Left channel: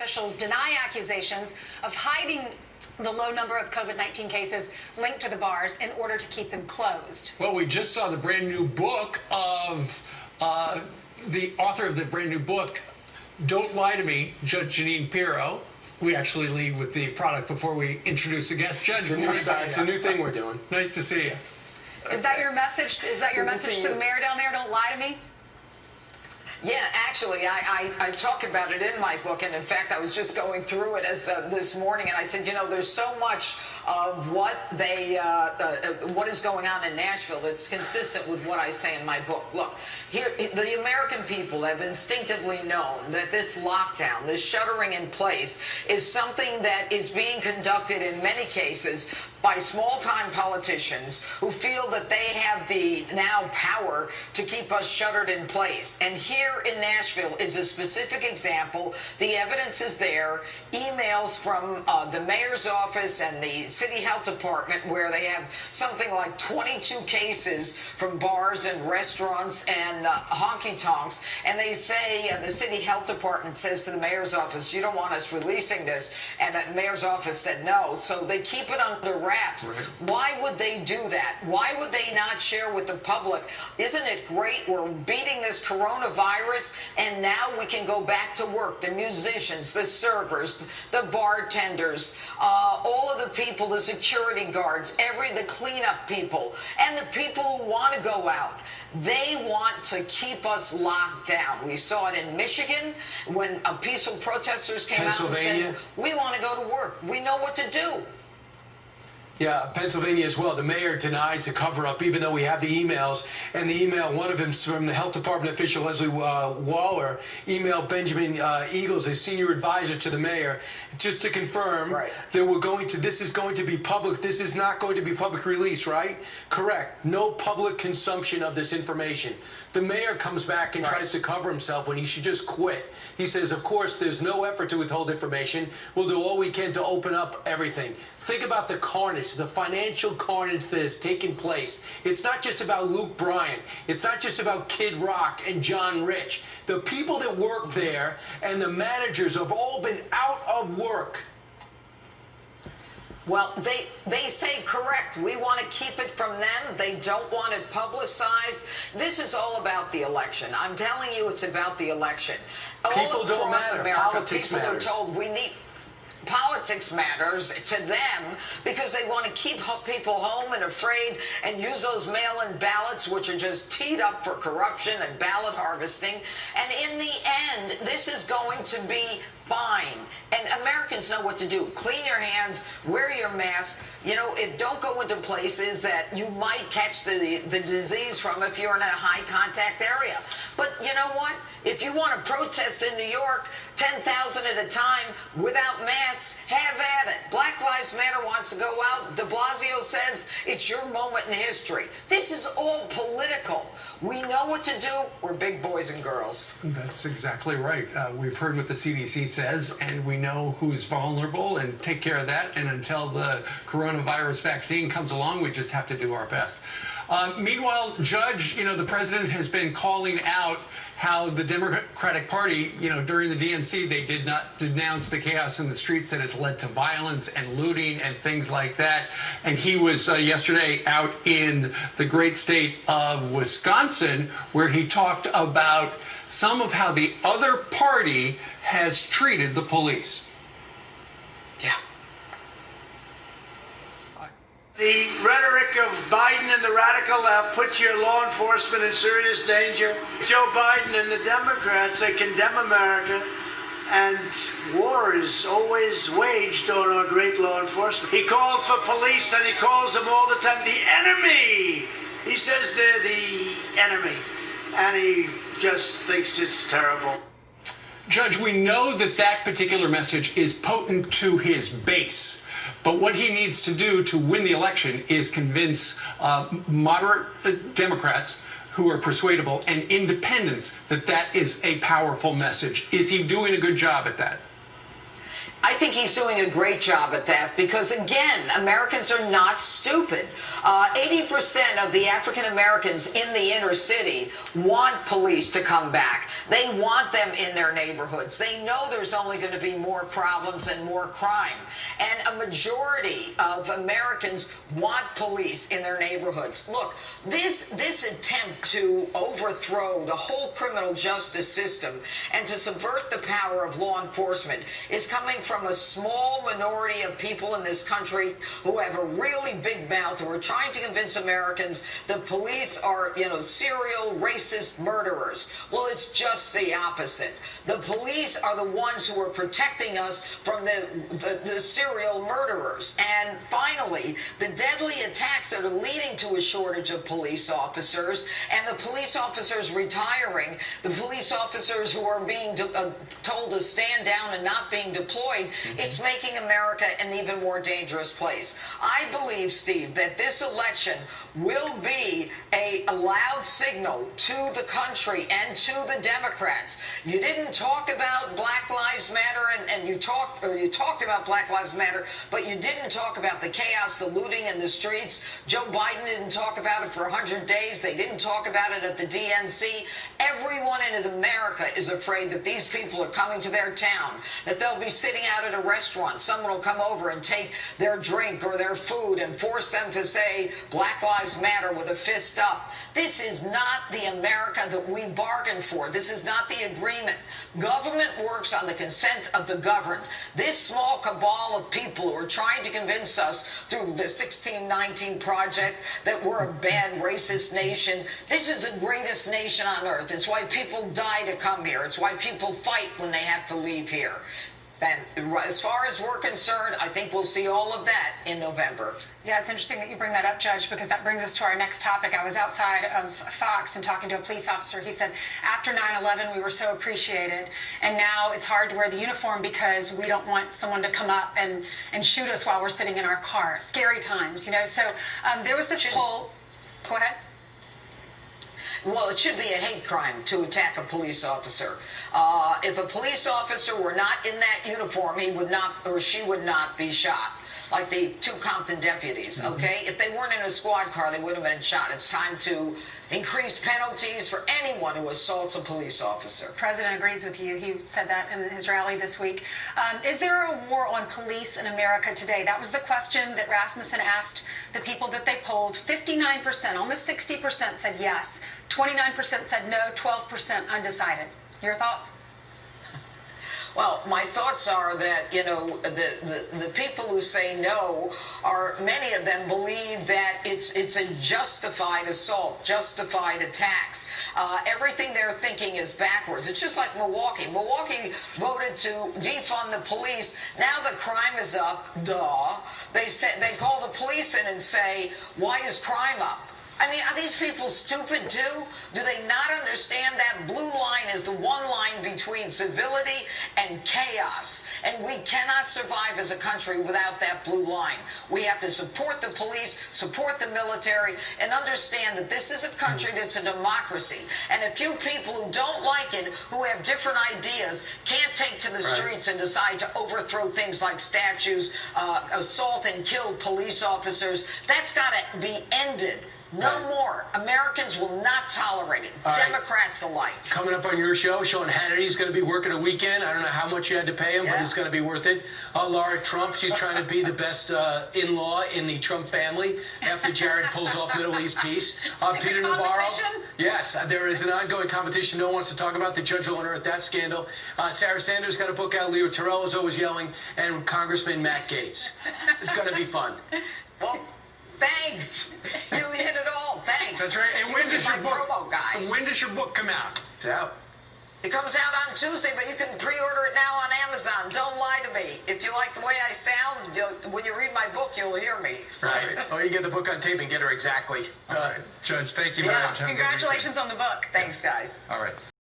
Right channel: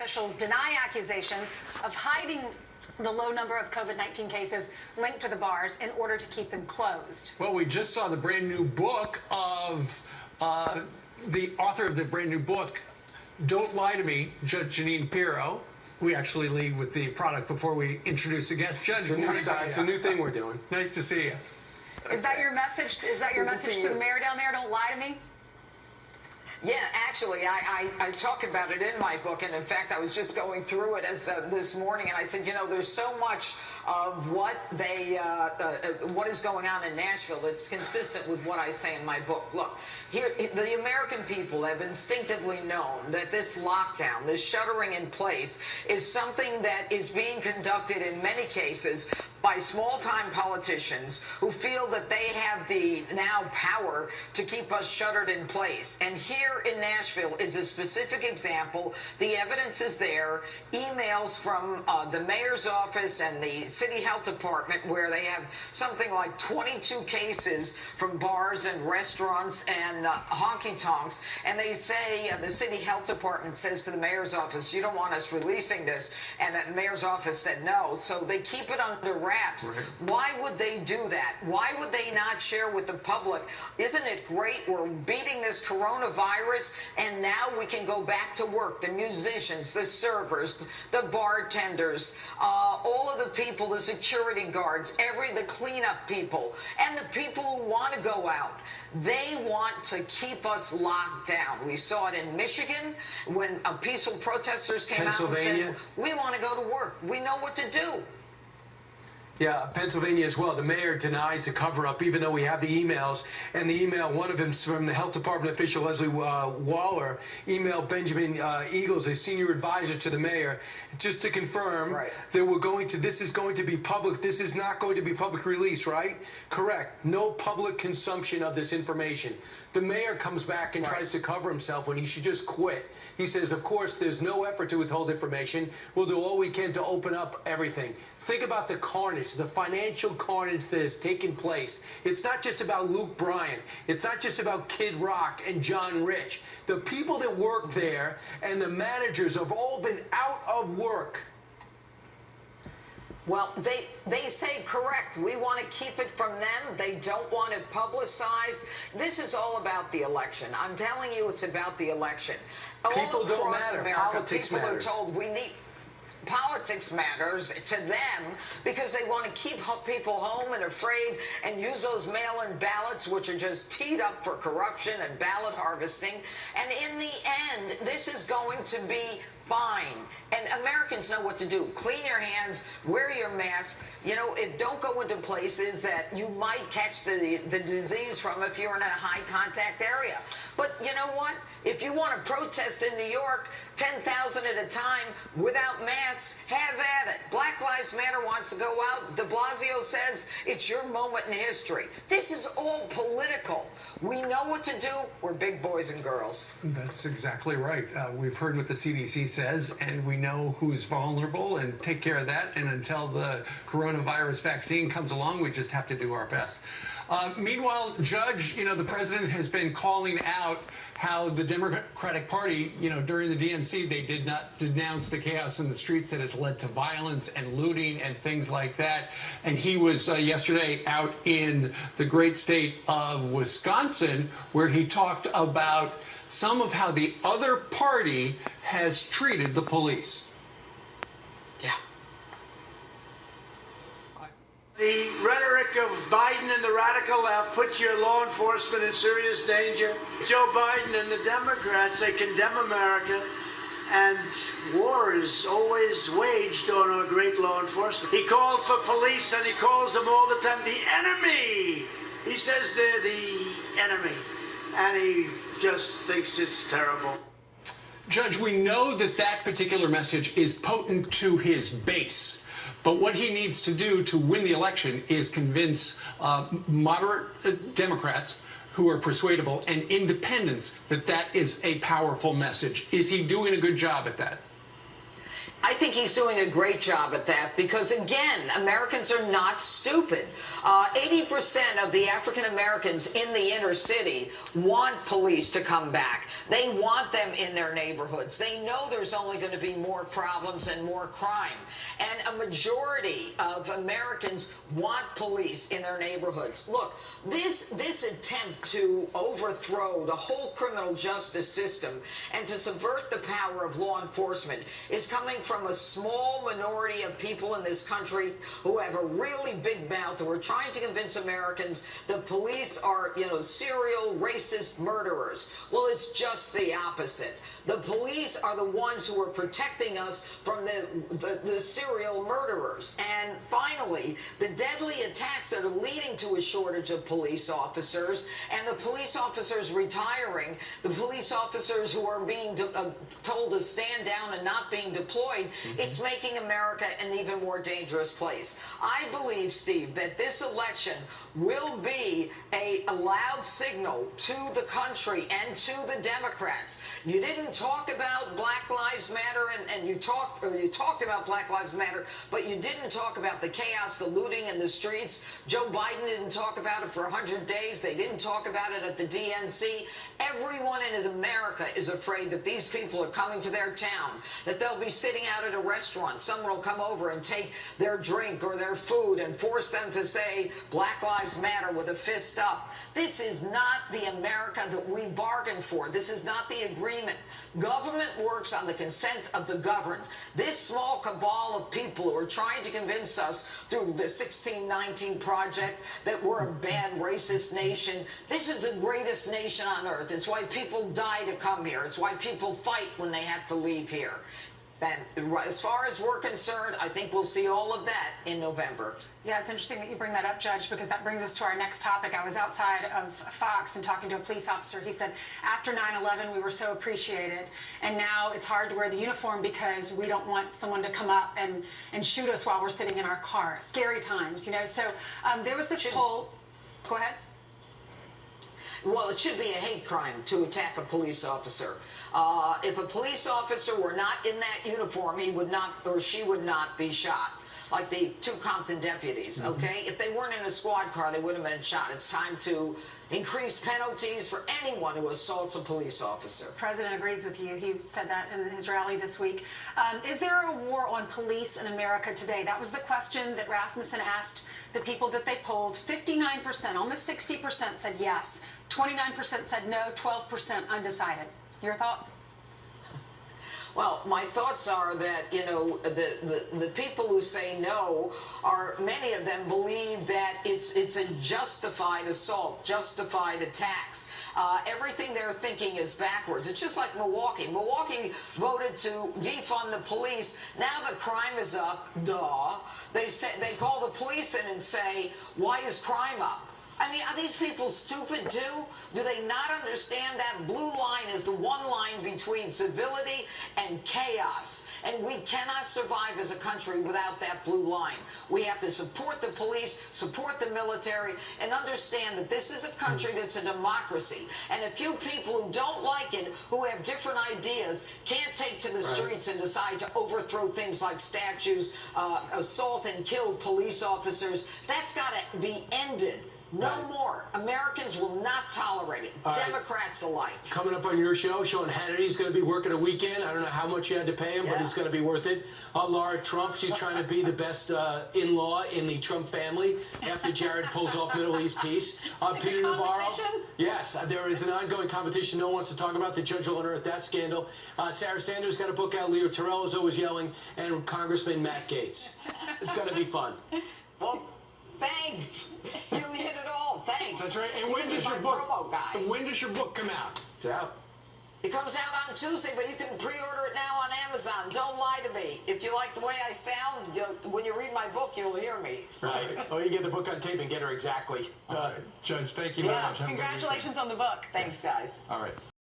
Officials deny accusations of hiding the low number of COVID-19 cases linked to the bars in order to keep them closed. Well, we just saw the brand new book of the author of the brand new book, Don't Lie to Me, Judge Jeanine Pirro. We actually lead with the product before we introduce the guest judge. It's a new thing we're doing. Nice to see you. Is that your message? Is that your message to the mayor down there? Don't lie to me? Yeah, actually, I talk about it in my book, and in fact, I was just going through it as this morning, and I said, you know, there's so much of what is going on in Nashville that's consistent with what I say in my book. Look, here, the American people have instinctively known that this lockdown, this shuttering in place, is something that is being conducted in many cases by small-time politicians who feel that they have the now power to keep us shuttered in place. And here in Nashville is a specific example. The evidence is there. Emails from the mayor's office and the city health department where they have something like 22 cases from bars and restaurants and honky-tonks. And they say, the city health department says to the mayor's office, you don't want us releasing this. And the mayor's office said no. So they keep it under wraps. Right. Why would they do that? Why would they not share with the public? Isn't it great? We're beating this coronavirus, and now we can go back to work. The musicians, the servers, the bartenders, all of the people, the security guards, the cleanup people, and the people who want to go out. They want to keep us locked down. We saw it in Michigan when peaceful protesters came out and said, we want to go to work. We know what to do. Yeah, Pennsylvania as well. The mayor denies the cover-up, even though we have the emails. And the email, one of them from the health department official, Leslie Waller, emailed Benjamin Eagles, a senior advisor to the mayor, just to confirm that this is going to be public. This is not going to be public release, right? Correct. No public consumption of this information. The mayor comes back and tries to cover himself when he should just quit. He says, of course, there's no effort to withhold information. We'll do all we can to open up everything. Think about the carnage, the financial carnage that has taken place. It's not just about Luke Bryan. It's not just about Kid Rock and John Rich. The people that work there and the managers have all been out of work. Well, they say correct. We want to keep it from them. They don't want it publicized. This is all about the election. I'm telling you, it's about the election. People don't matter. America, Politics matters. People are told we need. Politics matters to them because they want to keep people home and afraid and use those mail-in ballots, which are just teed up for corruption and ballot harvesting. And in the end, this is going to be fine. And Americans know what to do. Clean your hands, wear your mask. You know, don't go into places that you might catch the disease from if you're in a high contact area. But you know what? If you want to protest in New York, 10,000 at a time without masks, have at it. Black Lives Matter wants to go out. De Blasio says it's your moment in history. This is all political. We know what to do. We're big boys and girls. That's exactly right. We've heard what the CDC says, and we know who's vulnerable and take care of that. And until the coronavirus vaccine comes along, we just have to do our best. Meanwhile, Judge, you know, the president has been calling out how the Democratic Party, you know, during the DNC, they did not denounce the chaos in the streets that has led to violence and looting and things like that. And he was yesterday out in the great state of Wisconsin, where he talked about some of how the other party has treated the police. Yeah. The rhetoric of Biden and the radical left puts your law enforcement in serious danger. Joe Biden and the Democrats, they condemn America, and war is always waged on our great law enforcement. He called for police, and he calls them all the time the enemy. He says they're the enemy, and he just thinks it's terrible. Judge, we know that that particular message is potent to his base. But what he needs to do to win the election is convince moderate Democrats who are persuadable and independents that that is a powerful message. Is he doing a good job at that? I think he's doing a great job at that because, again, Americans are not stupid. 80% of the African Americans in the inner city want police to come back. They want them in their neighborhoods. They know there's only going to be more problems and more crime. And a majority of Americans want police in their neighborhoods. Look, this attempt to overthrow the whole criminal justice system and to subvert the power of law enforcement is coming from a small minority of people in this country who have a really big mouth, who are trying to convince Americans the police are, serial racist murderers. Well, it's just the opposite. The police are the ones who are protecting us from the serial murderers. And finally, the deadly attacks that are leading to a shortage of police officers and the police officers retiring, the police officers who are being told to stand down and not being deployed, it's making America an even more dangerous place. I believe, Steve, that this election will be a loud signal to the country and to the Democrats. You didn't talk about Black Lives Matter, and you talked about Black Lives Matter, but you didn't talk about the chaos, the looting in the streets. Joe Biden didn't talk about it for 100 days. They didn't talk about it at the DNC. Everyone in America is afraid that these people are coming to their town, that they'll be sitting out at a restaurant. Someone will come over and take their drink or their food and force them to say Black Lives Matter with a fist up. This is not the America that we bargained for. This is not the agreement. Government works on the consent of the governed. This small cabal of people who are trying to convince us through the 1619 Project that we're a bad racist nation. This is the greatest nation on earth. It's why people die to come here. It's why people fight when they have to leave here. And as far as we're concerned, I think we'll see all of that in November. Yeah, it's interesting that you bring that up, Judge, because that brings us to our next topic. I was outside of Fox and talking to a police officer. He said, after 9/11, we were so appreciated, and now it's hard to wear the uniform because we don't want someone to come up and shoot us while we're sitting in our car. Scary times, So there was this poll. Go ahead. Well, it should be a hate crime to attack a police officer. If a police officer were not in that uniform, he would not, or she would not be shot, like the two Compton deputies, okay? If they weren't in a squad car, they would have been shot. It's time to increase penalties for anyone who assaults a police officer. The president agrees with you. He said that in his rally this week. Is there a war on police in America today? That was the question that Rasmussen asked the people that they polled. 59%, almost 60% said yes. 29% said no, 12% undecided. Your thoughts? Well, my thoughts are that, the people who say no many of them believe that it's a justified assault, justified attacks. Everything they're thinking is backwards. It's just like Milwaukee. Milwaukee voted to defund the police. Now the crime is up. Duh. They call the police in and say, why is crime up? I mean, are these people stupid too? Do they not understand that blue line is the one line between civility and chaos? And we cannot survive as a country without that blue line. We have to support the police, support the military, and understand that this is a country that's a democracy. And a few people who don't like it, who have different ideas, can't take to the streets and decide to overthrow things like statues, assault and kill police officers. That's got to be ended. No more. Americans will not tolerate it. Democrats alike. Coming up on your show, Sean Hannity's going to be working a weekend. I don't know how much you had to pay him, but it's going to be worth it. Laura Trump, she's trying to be the best in-law in the Trump family after Jared pulls off Middle East peace. Peter Navarro. Yes, there is an ongoing competition. No one wants to talk about. The judge will unearth that scandal. Sarah Sanders got a book out. Leo Terrell is always yelling. And Congressman Matt Gaetz. It's going to be fun. Well, thanks. You hit it all. Thanks. That's right. And when does your book come out? It's out. It comes out on Tuesday, but you can pre-order it now on Amazon. Don't lie to me. If you like the way I sound, when you read my book, you'll hear me. Right. Or you get the book on tape and get her exactly. All right. Judge, thank you very much. Congratulations on the book. Thanks, guys. All right.